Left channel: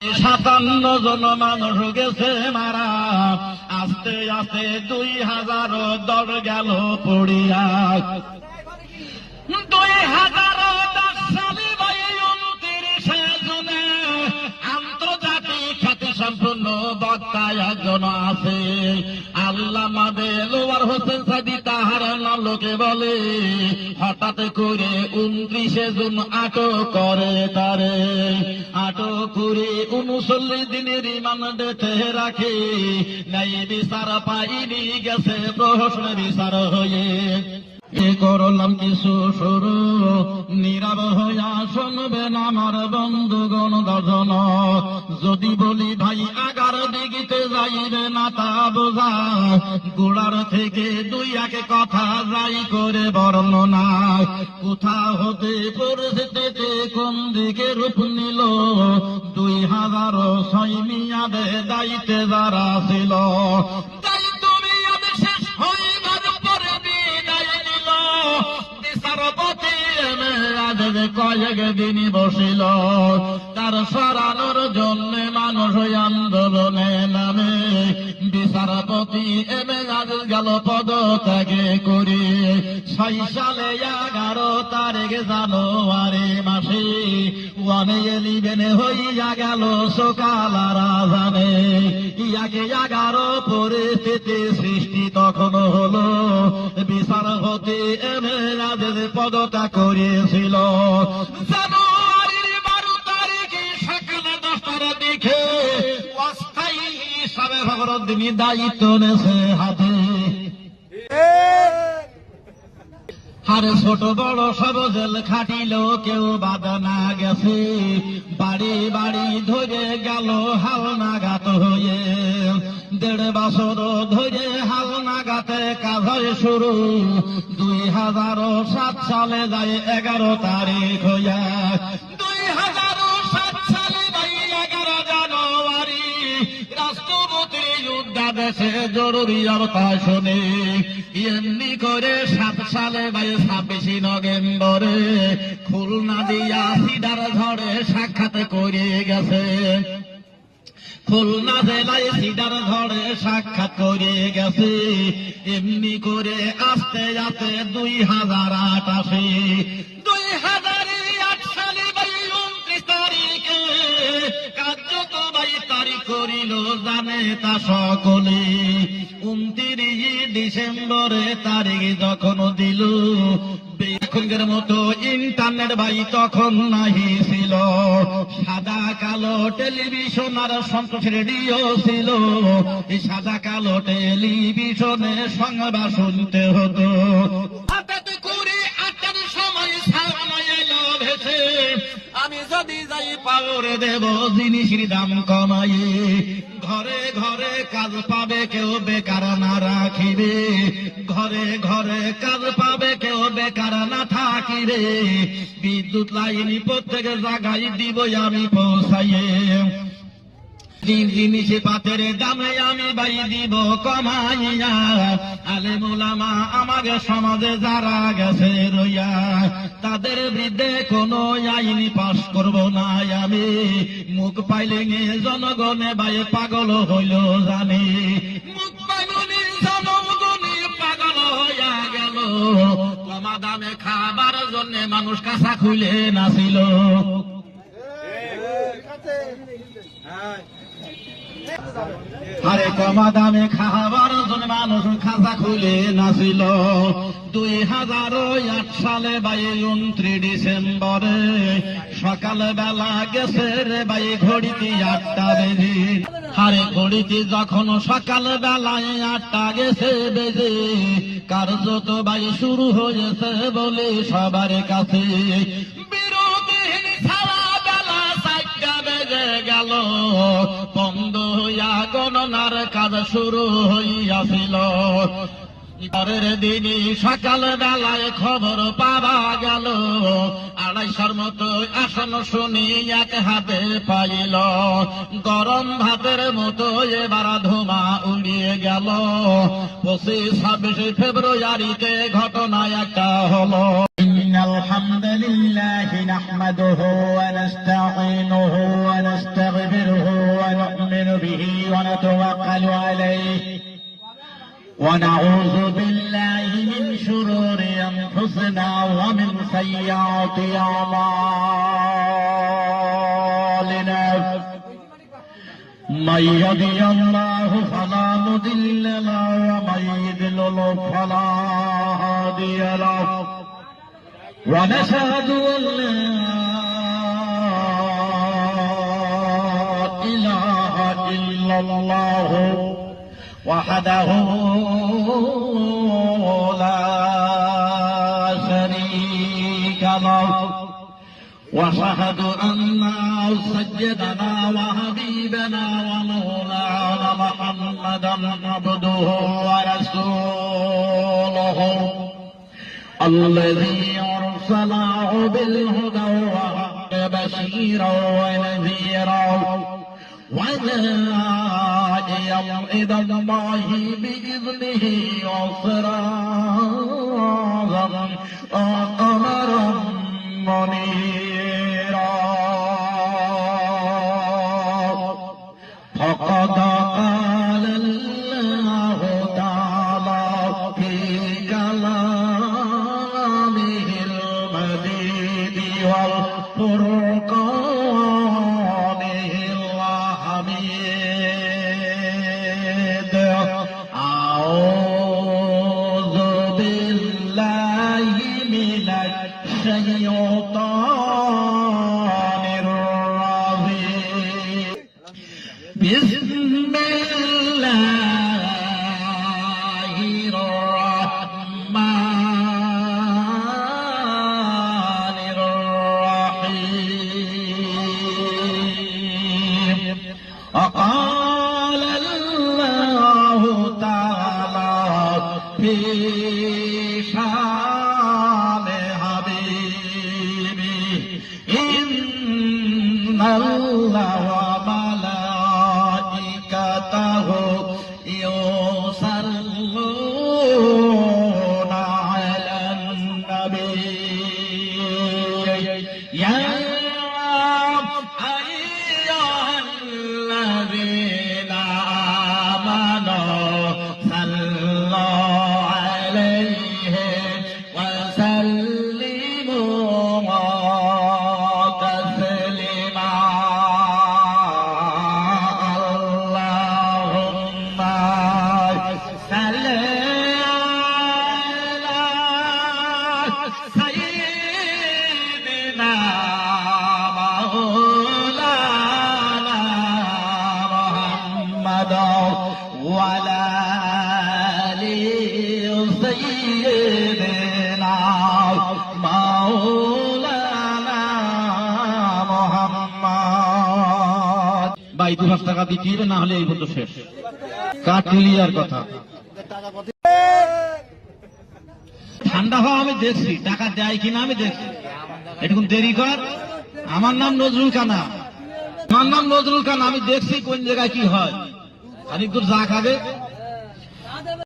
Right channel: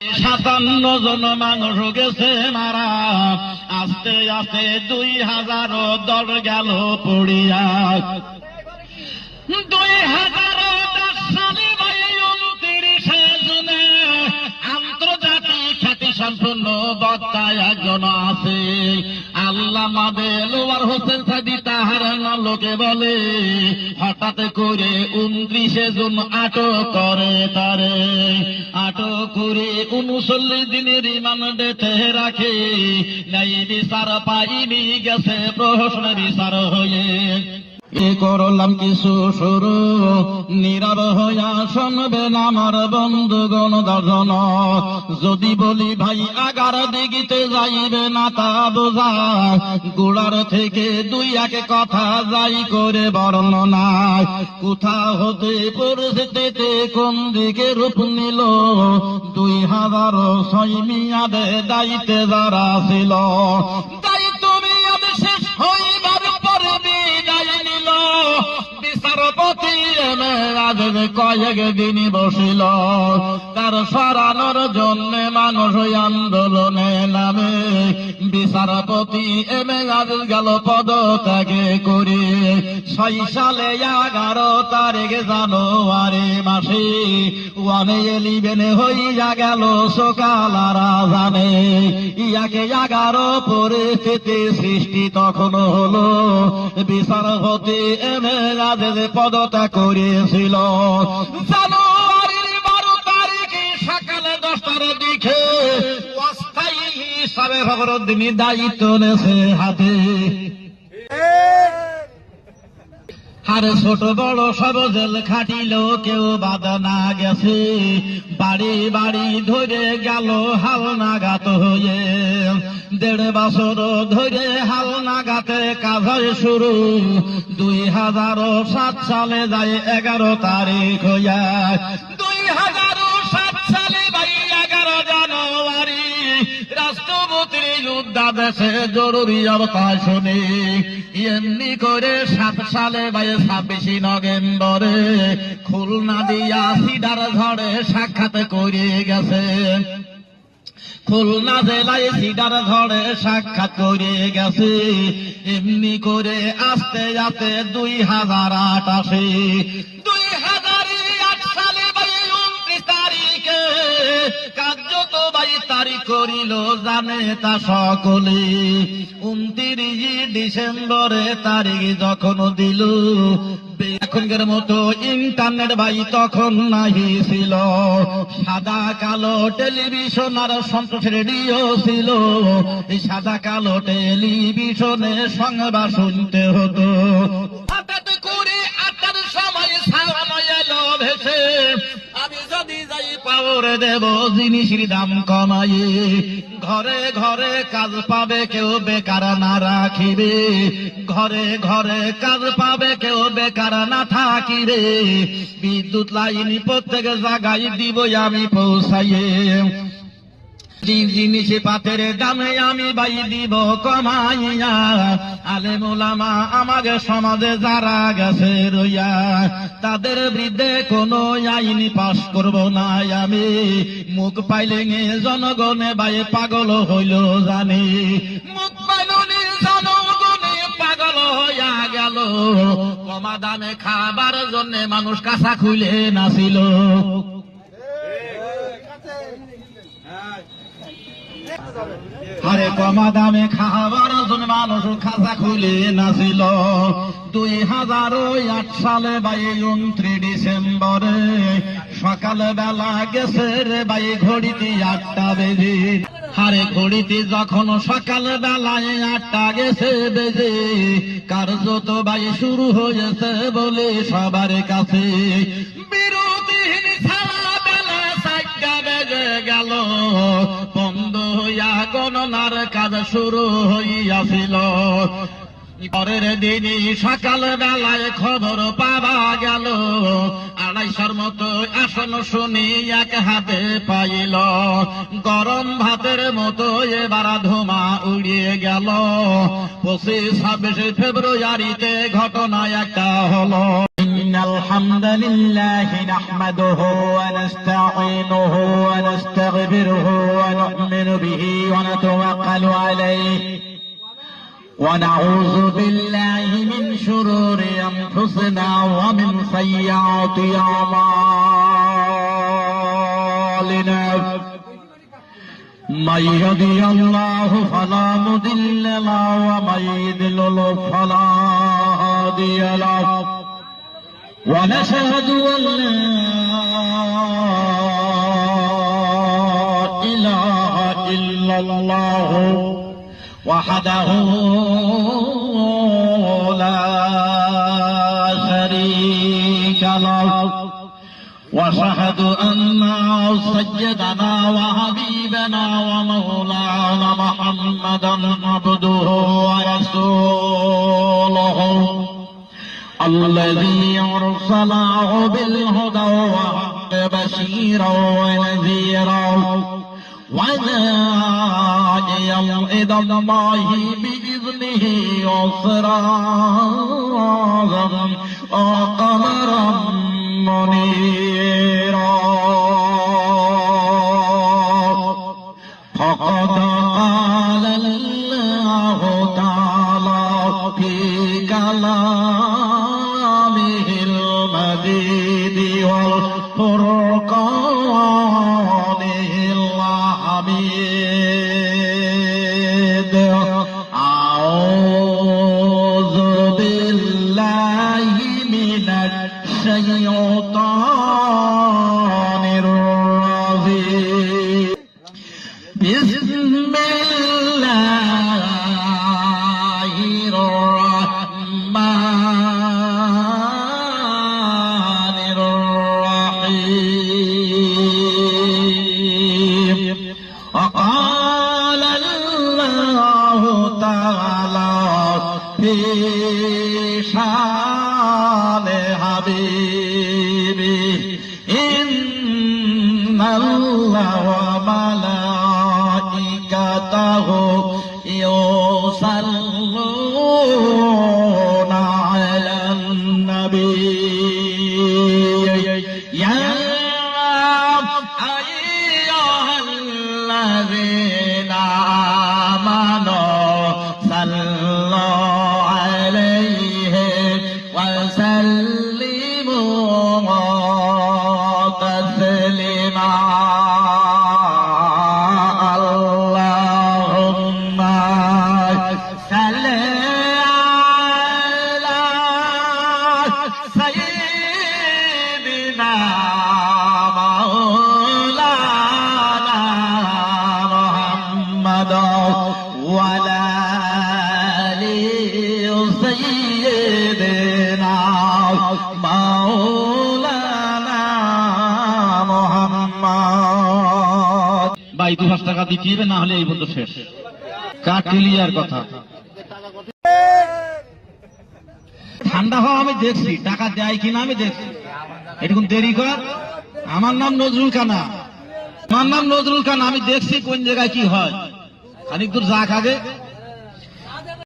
57 জন মানুষ গেছে মারা, আস্তে আস্তে 2000 দল গেল পড়িয়া। 2010 সালে 29 জুনে আন্তর্জাতিক খ্যাতি সম্পন্ন বক্তা একজন আছে, আল্লামা দেলোয়ার হোসেন সাদি। তাহার নাম লোকে বলে, হঠাৎ করে 29 জুন আটক করে তারে। আটক করে 39 দিনের রিমান্ডে রাখে, নাই বিচার পাইনি, গেছে প্রশ্ন বিচার হয়ে। করলাম কিছু শুরু, নীরব হইয়া শুনবেন আমার বন্ধুগণ দর্শন। যদি বলি ভাই 11 দিগিতে যাইবে না তা বোঝা, গোড়ার থেকে 2-1 কথা যাই করে বর্ণনা। কোথা হতে পরিস্থিতিতে কোন দিকে রূপ নিল, 2006 মিয়াদে দায়িত্বে যারা ছিল। বিচারপতি কয়েক দিন বসিল, তার সরানোর জন্য মানুষ আন্দোলনে নামে। বিচারপতি গেল পদত্যাগে করে। 6 সালে 11 তারিখ জানুয়ারি মাসে 111 হইয়া গেল সকালারা জানে। 11 পরিস্থিতি সৃষ্টি তখন হলো, বিচারপতি পদত্যাগ করেছিল। জানুয়ারির 12 তারিখে সকাল 10টার দিকে অস্থায়ী হিসাবে ফখরুদ্দিন দায়িত্ব নেছে হাতে। আরে ছোট বড় সব জেল খাটিল, কেউ বাদ না গেছে। বাড়ি বাড়ি ধরে গেল হালনাগাদ হয়ে। 1.5 বছর ধরে হালনাগাতে কাজ শুরু। 2007 সালে যায় 11 তারিখ হইয়া। 2007 সালে 11 জানুয়ারি রাষ্ট্রপতির যুদ্ধাদেশে জরুরি অবস্থা শুনে। এমনি করে 7 সালে 26 নভেম্বরে খুলনা দিয়া সিডার ঝড়ে সাক্ষাৎ করে গেছে। খুলনা জেলায় সিডার ঝড়ে সাক্ষাৎ করে গেছে। এমনি করে আস্তে আস্তে 2008 আসে। 2008 সালে 29 তারিখে কার্যত 22 তারিখ করিল জানে তা সকলে। 29 ডিসেম্বরে তারিখ যখন দিল, এখনকার মতো ইন্টারনেট তখন নাহি ছিল। সাদা কালো টেলিভিশন আর সন্তোষ রেডিও ছিল। এই সাদা কালো টেলিভিশনে সংবাদ শুনতে হতো। হঠাৎ করে 8টার সময় সামনে এলো ভেসে, আমি যদি যাই পাওয়ার দেব জিনিসের দাম কমাই। ঘরে ঘরে কাজ পাবে, কেউ বেকার না রাখিবে। ঘরে ঘরে কাজ পাবে, কেউ বেকার না থাকিবে। বিদ্যুৎ লাইন প্রত্যেক জায়গায় দিব আমি পৌঁছাইয়ে। জিনিস পাতের দামে আমি দিব কমাইয়া। আলেম ওলামা আমাদের সমাজে যারা গেছে রইয়া, তাদের বিরুদ্ধে কোন আইন পাশ করব না আমি। মুখ পাইলে জনগণে পাগল হইল জানি। মুখ পাইলে জনগণে পাগল হইয়া গেল। কমা দামে খাবার জন্য মানুষ কাঁচা খুলে নাছিল। আরে কমা দামে খাবার জন্য মানুষ খাঁচা খুলে নাছিল। 2008 সালে 29 ডিসেম্বরে সকাল বেলা গেছে রে ঘড়িতে 8টা বেজে। আরে ঘড়িতে যখন সকাল বেলায় 8টা গেছে বেজে, কার্যত শুরু হয়েছে বলে সবার কাছে। বিরতিহীন সারা বেলা 4টা বেজে গেল, বন্ধ হইয়া গণনার কাজ শুরু হইয়াছিল। পরের দিনই সকাল বেলায় খবর পাওয়া গেল, 250 মতো আসন শুনি এক হাতে পাইল। গরম ভাতের মতো এবার ধোঁয়া উড়িয়ে গেল। 25-26 ফেব্রুয়ারিতে ঘটনা একটা হলো। إن الحمد لله نحمده ونستعينه ونستغفره ونؤمن به ونتوكل عليه ونعوذ بالله من شرور أنفسنا ومن سيئات أعمالنا من يهده الله فلا مضل له ومن يضلل فلا هادي له ونشهد أن لا إله إلا الله وحده لا شريك له واشهد أن سيدنا وحبيبنا ومولانا محمدا عبده ورسوله الذي أرسله بالهدى بشيرا ونذيرا وداعيا إلى الله بإذنه وسراجا وقمرا منيرا فقد قال الله تعالى في كلامه المجيد والفرقانه الحميد أعوذ بالله من الشيطان الرجيم بسم الله الرحمن الرحيم وقال الله تعالى في شان حبيبه إن الله وملائكته يصلون على النبي يا أيها الذين آمنوا صلوا عليه وسلموا تسليما اللهم صل على سيدنا مولانا محمد وعلى آل سيدنا مولانا محمد ভাই 200 টাকা দিতে হবে, না হলে এই বন্ধু শেষ। কাটলিয়ার কথা ঠান্ডা হওয়া আমি দেখছি, টাকা দেয় কিনা আমি দেখছি। এটুকুন দেরি কর। আমার নাম নজরুল কানা, আমার নাম নজরুল কানা। আমি দেখছি কোন জায়গায় কি হয়। খানিক দূর যা খাবে